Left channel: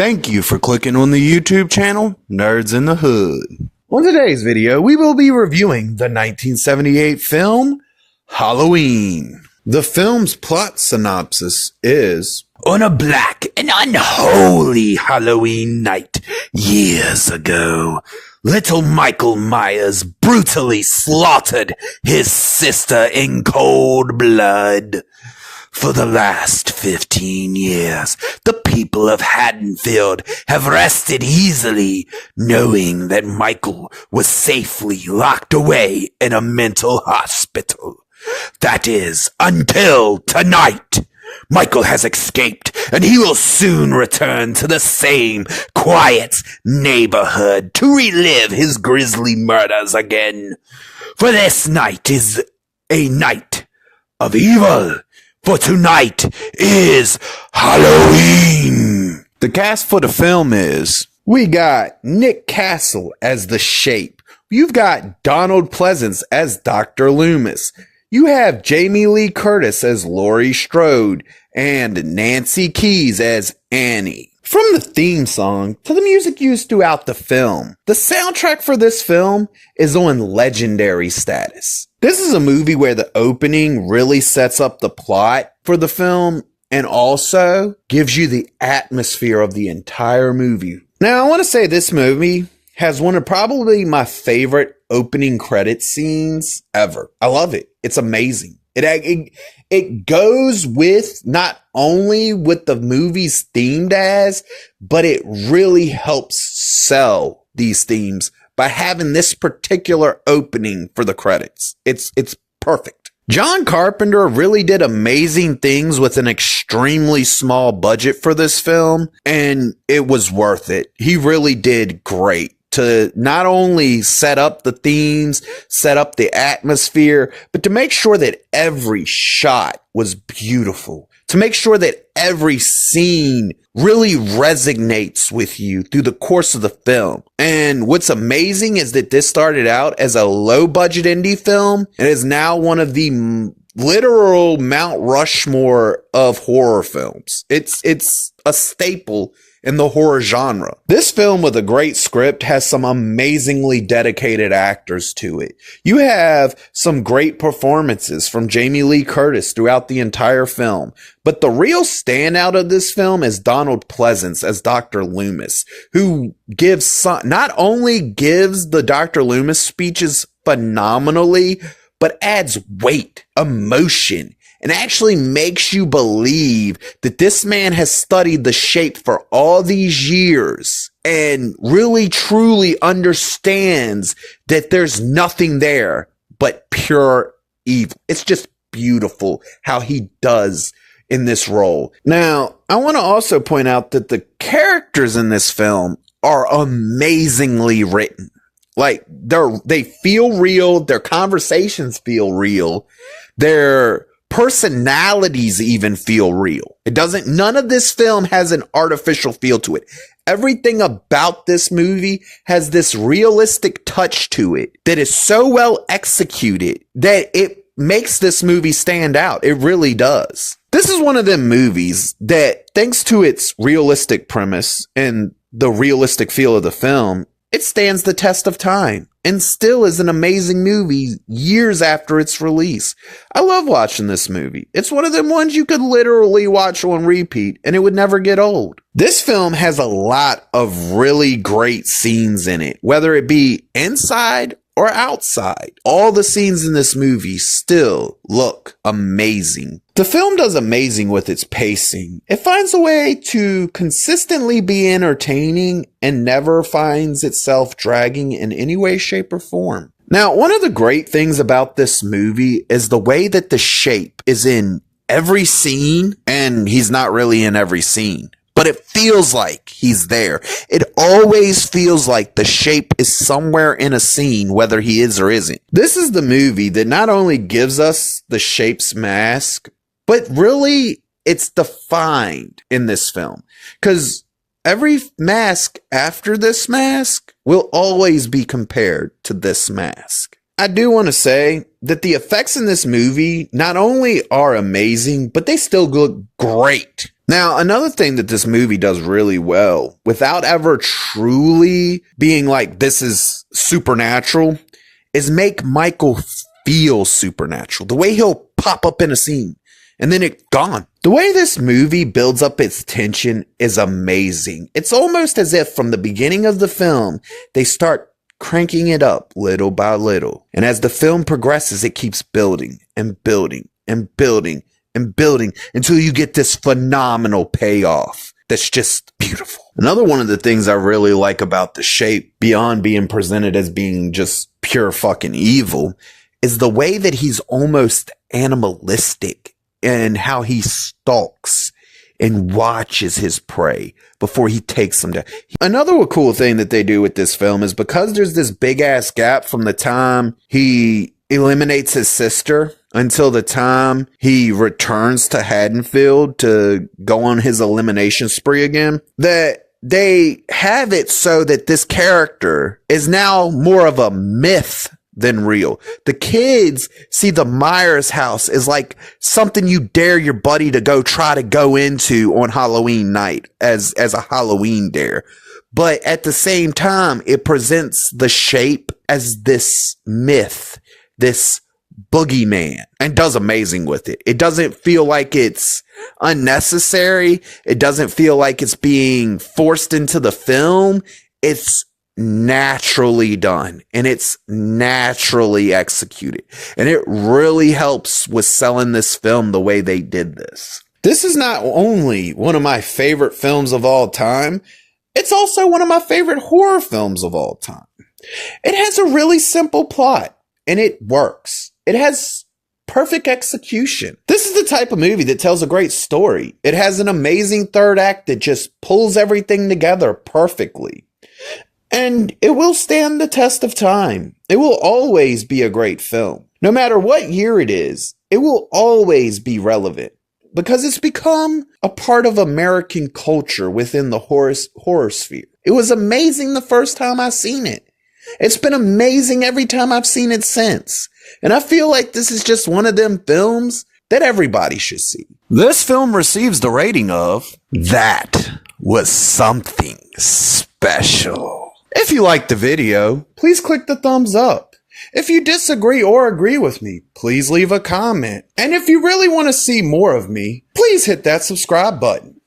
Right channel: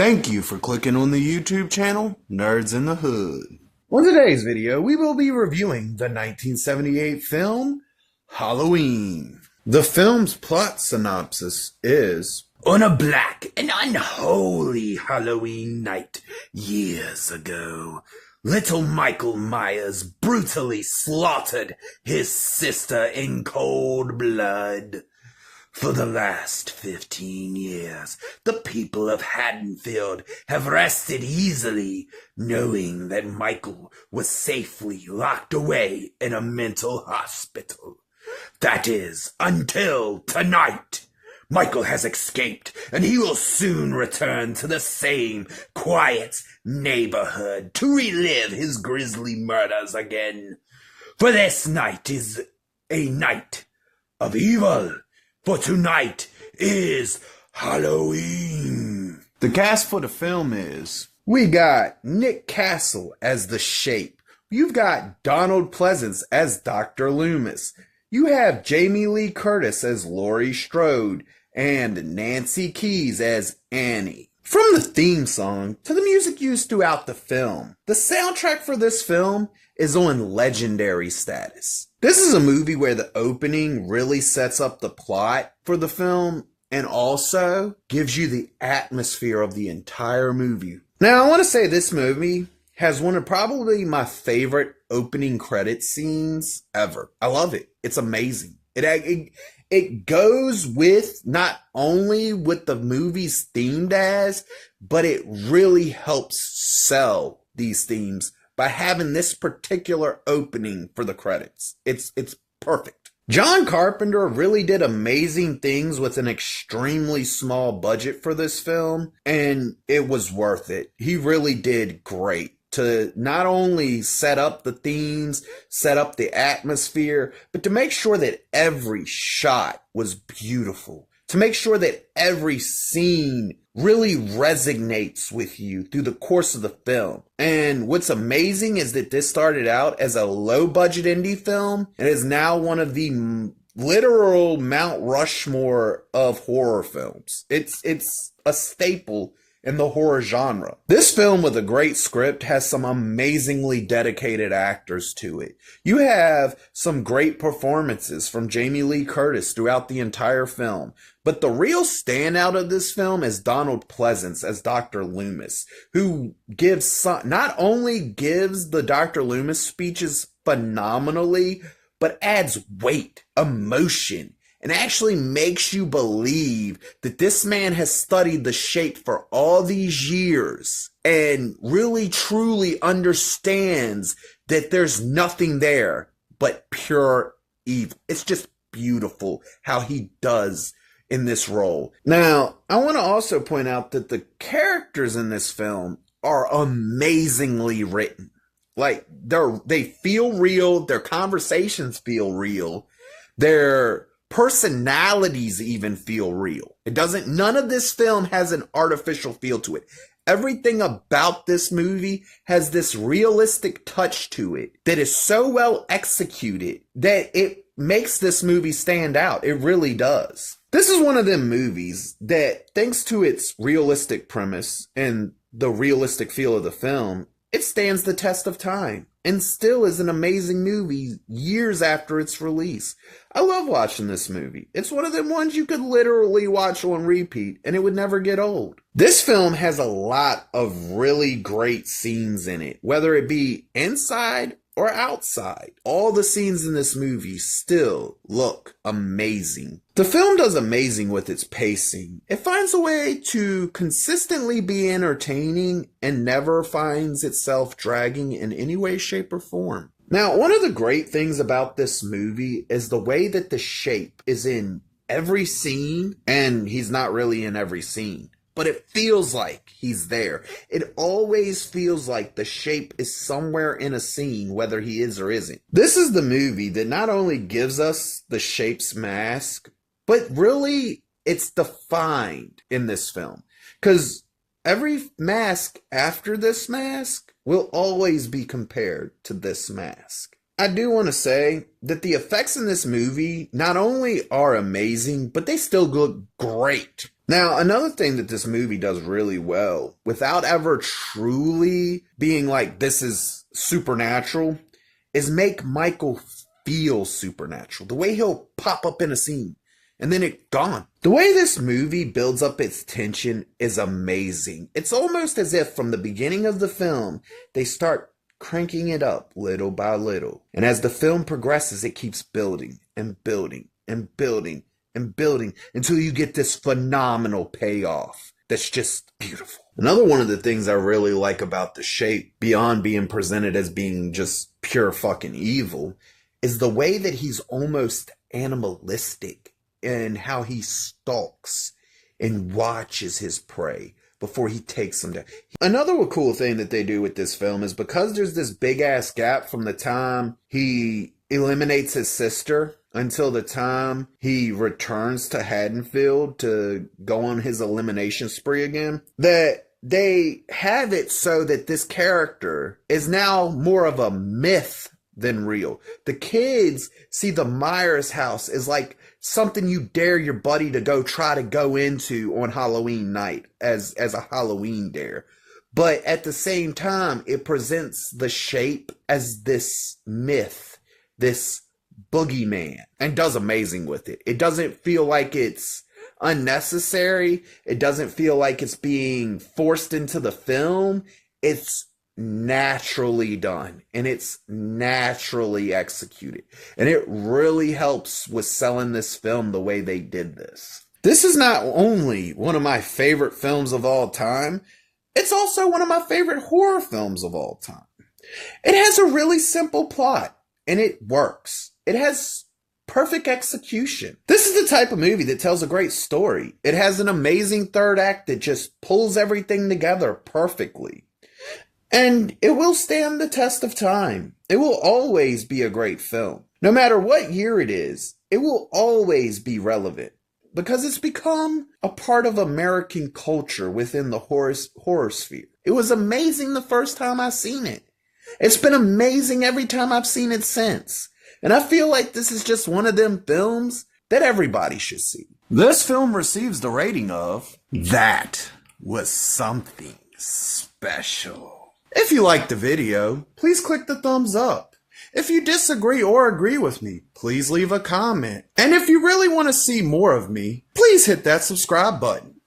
Thank you for clicking on the YouTube channel, Nerds in the Hood. On today's video, we will be reviewing the 1978 film, Halloween. The film's plot synopsis is, on a black and unholy Halloween night years ago, little Michael Myers brutally slaughtered his sister in cold blood. For the last 15 years, the people of Haddonfield have rested easily, knowing that Michael was safely locked away in a mental hospital. That is, until tonight. Michael has escaped, and he will soon return to the same quiet neighborhood to relive his grisly murders again. For this night is a night of evil. For tonight is Halloween. The cast for the film is, we got Nick Castle as the Shape. You've got Donald Pleasence as Dr. Loomis. You have Jamie Lee Curtis as Laurie Strode and Nancy Keys as Annie. From the theme song to the music used throughout the film, the soundtrack for this film is on legendary status. This is a movie where the opening really sets up the plot for the film and also gives you the atmosphere of the entire movie. Now, I want to say this movie has one of probably my favorite opening credit scenes ever. I love it. It's amazing. It goes with not only what the movie's themed as, but it really helps sell these themes by having this particular opening for the credits. It's perfect. John Carpenter really did amazing things with an extremely small budget for this film, and it was worth it. He really did great to not only set up the themes, set up the atmosphere, but to make sure that every shot was beautiful, to make sure that every scene really resonates with you through the course of the film. And what's amazing is that this started out as a low budget indie film and is now one of the literal Mount Rushmore of horror films. It's a staple in the horror genre. This film with a great script has some amazingly dedicated actors to it. You have some great performances from Jamie Lee Curtis throughout the entire film. But the real standout of this film is Donald Pleasence as Dr. Loomis, who not only gives the Dr. Loomis speeches phenomenally, but adds weight, emotion, and actually makes you believe that this man has studied the Shape for all these years and really truly understands that there's nothing there but pure evil. It's just beautiful how he does in this role. Now, I want to also point out that the characters in this film are amazingly written. Like, they feel real, their conversations feel real, their personalities even feel real. None of this film has an artificial feel to it. Everything about this movie has this realistic touch to it that is so well executed that it makes this movie stand out. It really does. This is one of them movies that, thanks to its realistic premise and the realistic feel of the film, it stands the test of time and still is an amazing movie years after its release. I love watching this movie. It's one of them ones you could literally watch on repeat and it would never get old. This film has a lot of really great scenes in it, whether it be inside or outside. All the scenes in this movie still look amazing. The film does amazing with its pacing. It finds a way to consistently be entertaining and never finds itself dragging in any way, shape, or form. Now, one of the great things about this movie is the way that the Shape is in every scene, and he's not really in every scene, but it feels like he's there. It always feels like the Shape is somewhere in a scene, whether he is or isn't. This is the movie that not only gives us the Shape's mask, but really it's defined in this film. Because every mask after this mask will always be compared to this mask. I do want to say that the effects in this movie not only are amazing, but they still look great. Now, another thing that this movie does really well, without ever truly being like, this is supernatural, is make Michael feel supernatural. The way he'll pop up in a scene and then it's gone. The way this movie builds up its tension is amazing. It's almost as if from the beginning of the film, they start cranking it up little by little. And as the film progresses, it keeps building and building and building and building until you get this phenomenal payoff that's just beautiful. Another one of the things I really like about The Shape, beyond being presented as being just pure fucking evil, is the way that he's almost animalistic and how he stalks and watches his prey before he takes them down. Another cool thing that they do with this film is because there's this big ass gap from the time he eliminates his sister until the time he returns to Haddonfield to go on his elimination spree again, that they have it so that this character is now more of a myth than real. The kids see the Myers house as like something you dare your buddy to go try to go into on Halloween night as a Halloween dare. But at the same time, it presents The Shape as this myth, this boogeyman, and does amazing with it. It doesn't feel like it's unnecessary. It doesn't feel like it's being forced into the film. It's naturally done and it's naturally executed. And it really helps with selling this film the way they did this. This is not only one of my favorite films of all time, it's also one of my favorite horror films of all time. It has a really simple plot and it works. It has perfect execution. This is the type of movie that tells a great story. It has an amazing third act that just pulls everything together perfectly. And it will stand the test of time. It will always be a great film. No matter what year it is, it will always be relevant because it's become a part of American culture within the horror sphere. It was amazing the first time I seen it. It's been amazing every time I've seen it since. And I feel like this is just one of them films that everybody should see. This film receives the rating of "That was something special." If you liked the video, please click the thumbs up. If you disagree or agree with me, please leave a comment. And if you really want to see more of me, please hit that subscribe button.